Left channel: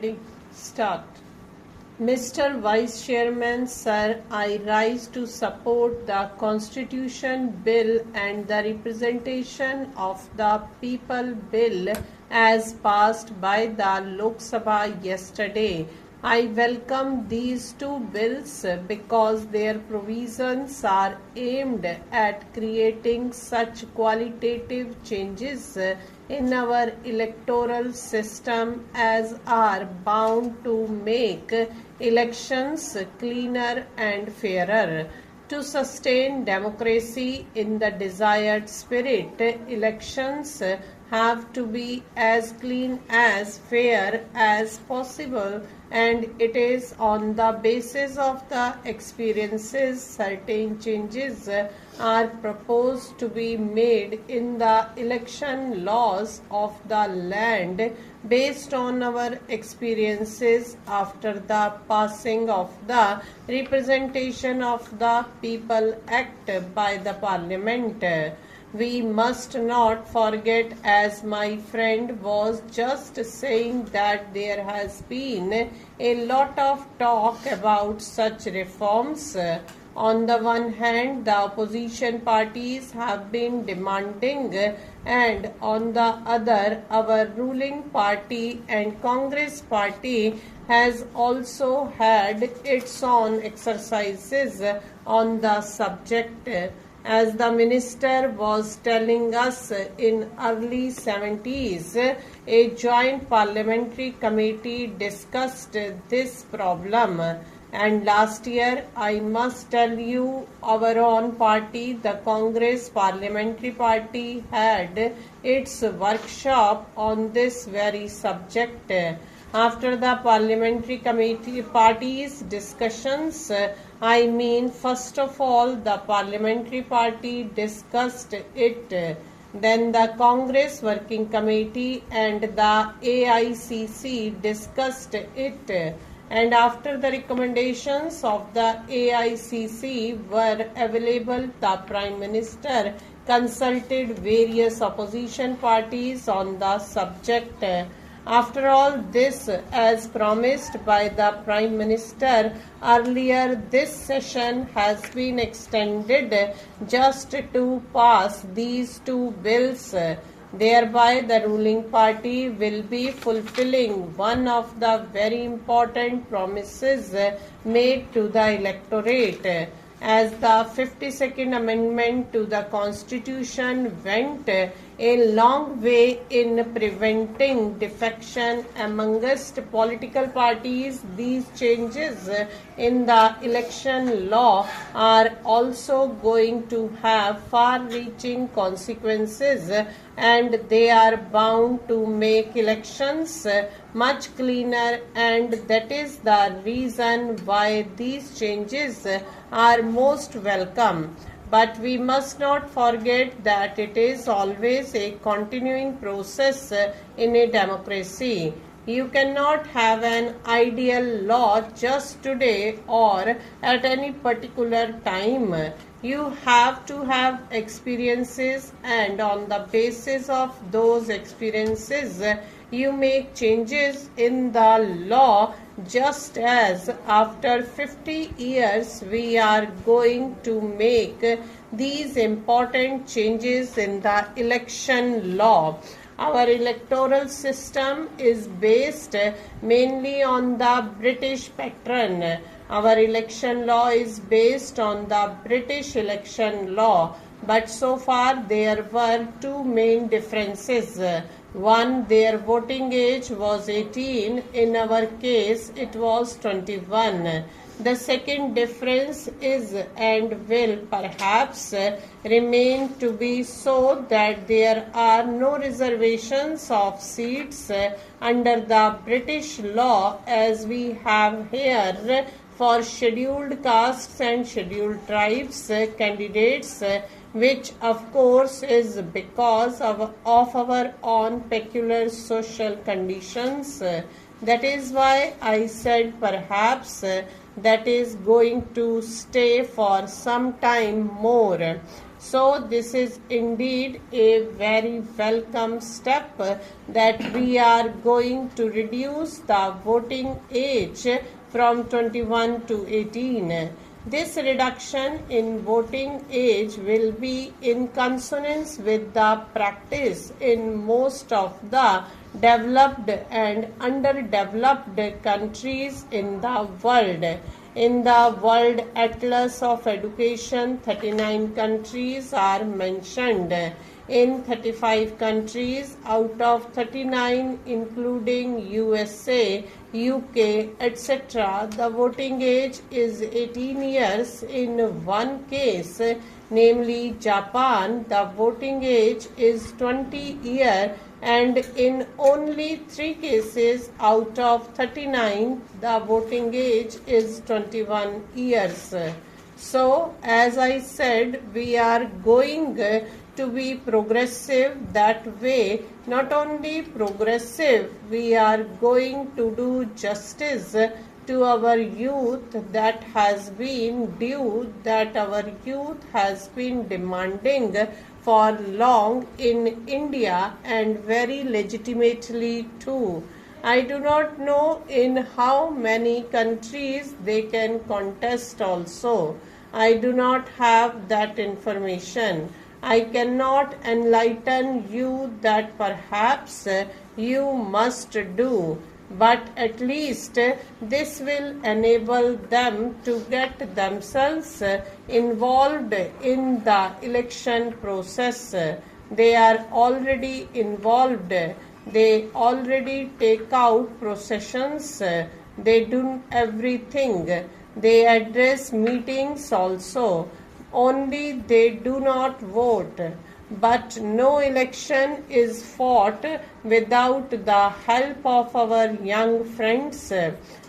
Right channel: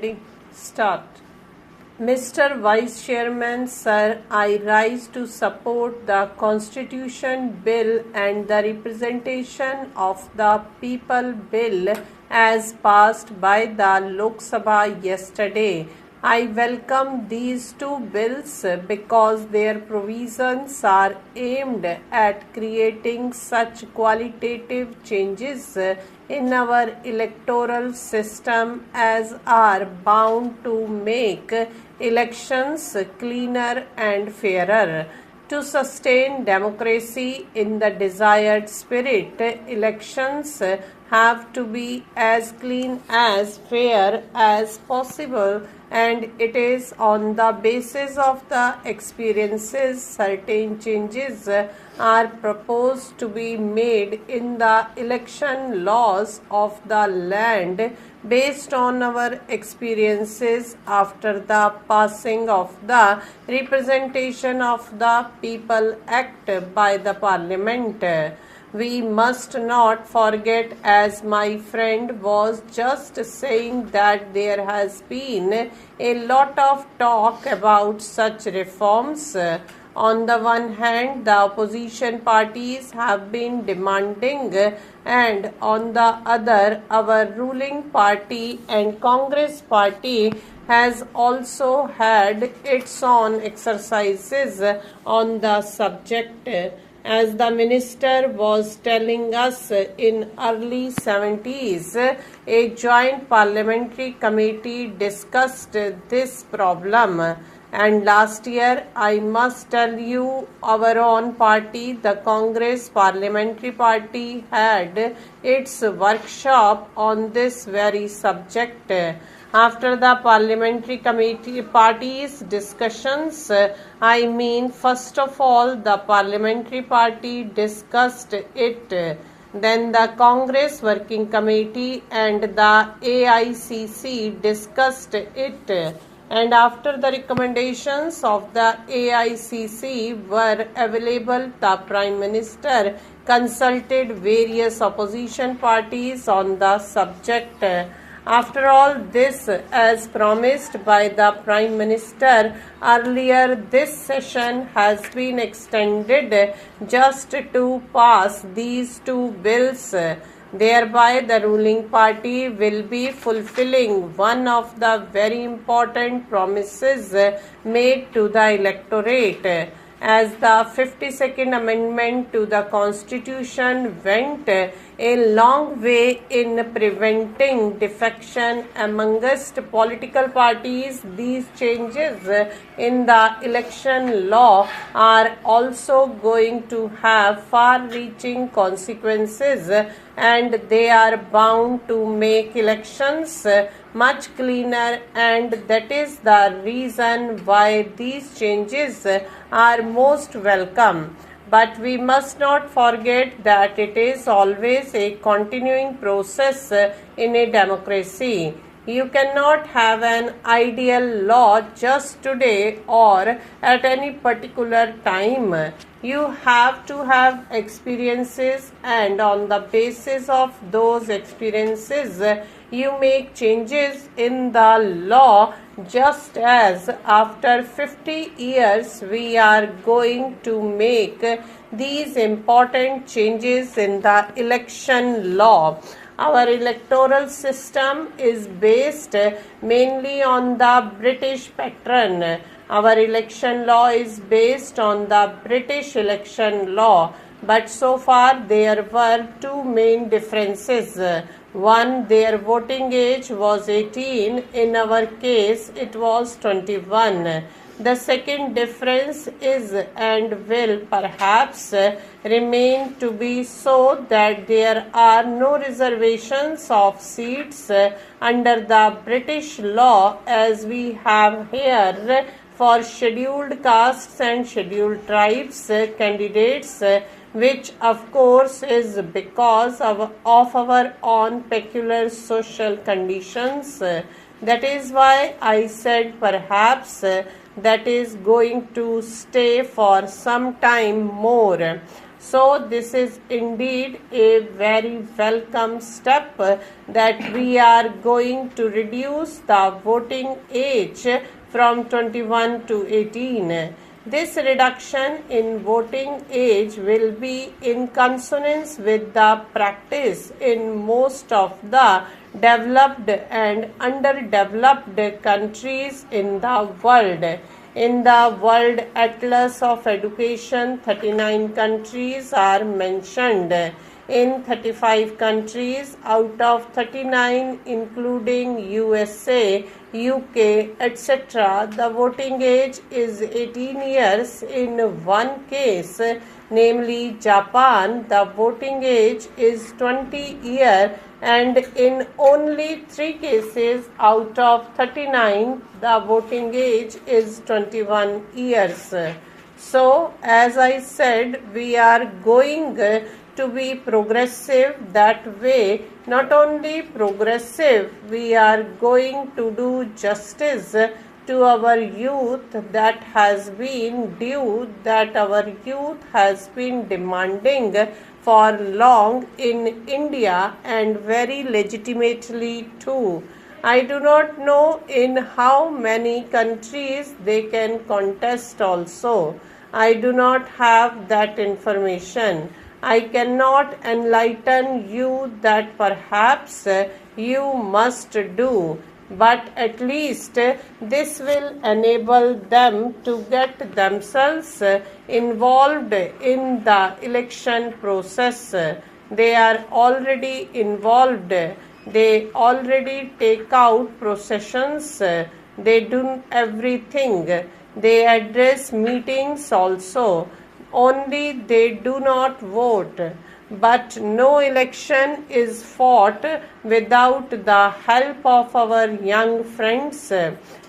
Ready? Start. Mr. Vice Chairman, Sir, I rise to support the Constitution Bill and the Representation of the People Bill as passed by the Lok Sabha yesterday. I welcome these two bills because their provisions are aimed at creating such qualitative changes in our electoral system as are bound to make elections cleaner and fairer. To sustain democracy in the desired spirit, elections have to be as clean as fair as possible, and it is on the basis of the experiences certain changes are proposed to be made in the election laws of the land based on our experiences after the passing of the Representation of the People Act by the Parliament. We must not forget, as my friend was just saying, that there has been a lot of talk about such reforms. On the one hand, the opposition parties have been demanding, and on the other, our ruling party and Congress party has also had its own exercises on the subject. As the minister was telling us, in early 70s, a joint parliamentary committee discussed this problem. And last year, I must tell you, our own party, the Congress Parliamentary Party, had its workshop on this very subject. After the parliamentary committee party's discussions, first of all, the parliamentary party discussed it. Then the Congress Working Committee and the AICC discussed it. And after the recommendations of the AICC were available, the Prime Minister consulted various opposition parties on the subject. After all this, as promised by the Prime Minister earlier, this session has been extended just to pass these two bills. Thereby, the ruling party will be fulfilling one of the very important promises made to the electorate. As the 52nd Amendment to the Constitution went a long way in preventing defection amongst political parties, these changes in the election law are also going to have far-reaching consequences, and they are bound to make elections much cleaner, and that is the reason why these changes are most welcome. But we must not forget that it is always a continuing process in a democracy. You cannot have an ideal law just today or at any particular time. You have to have experiences, and on the basis of those experiences, you make changes in the law, just as after 50 years we are going to make these important changes in the election law. Our electoral system is based mainly on the British pattern. Our election law is based on the British election law, but so far there were two main differences. One, their voting age was 18. In our case, it was 21. The second difference is, and will perhaps remain to be so, that there are no reservations of seats under the British law as we have here for scheduled castes and scheduled tribes candidates, which of course is because of our own peculiar social conditions. That is why I said perhaps that is going to stay for some time more. So this is indeed a very welcome step that we are going to reduce the voting age from 21 to 18. This reduction in voting age will be in consonance with the practice in most of the developed and underdeveloped countries in the world. In the World Atlas of Education, 39 countries are mentioned. In 35 countries out of 39, including USA, UK, etc., the voting age is 18 years. In one case, namely Japan, the voting age is 20 years, and in only 3 cases out of 39, the voting age is 21 years. So, as I said, we are going to be progressive that way. Not only progressive, we are going to do justice to our youth that has been due, that our youth has been demanding for long in India, and very legitimately too. I do not know in how many countries they can contest also. I do not have that information. I cannot enlighten you that perhaps you must do, but at least this will enable them to get themselves involved in the election process. They are already involved. They already take out processions. They do everything. They address meetings also. Only they do not vote. But no election is fought without the help of our young friends.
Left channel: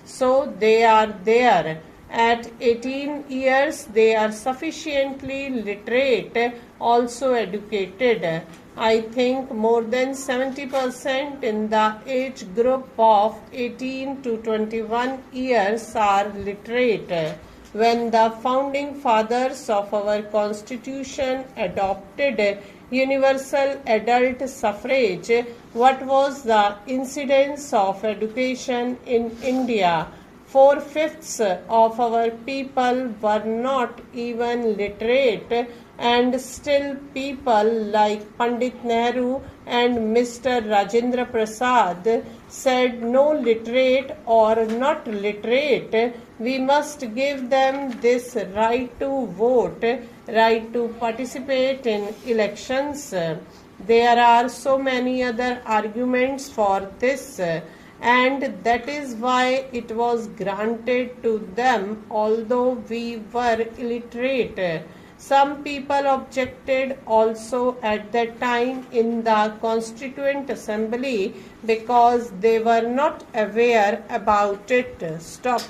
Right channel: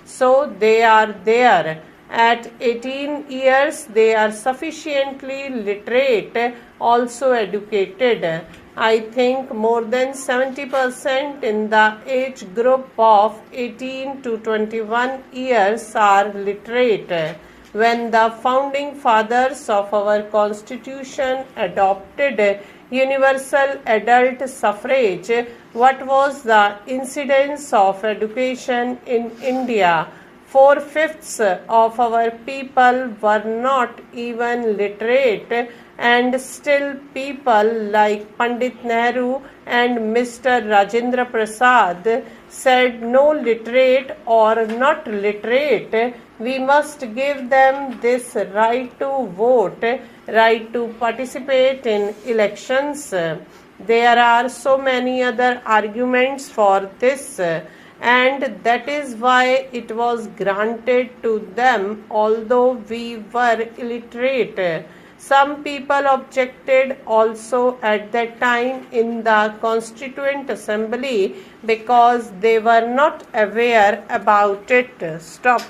So they are there. At 18 years, they are sufficiently literate, also educated. I think more than 70% in the age group of 18 to 21 years are literate. When the founding fathers of our constitution adopted universal adult suffrage, what was the incidence of education in India? 4/5 of our people were not even literate, and still people like Pandit Nehru and Mr. Rajendra Prasad said no literate or not literate, we must give them this right to vote, right to participate in elections. There are so many other arguments for this, and that is why it was granted to them, although we were illiterate. Some people objected also at that time in the Constituent Assembly because they were not aware about it. Stop.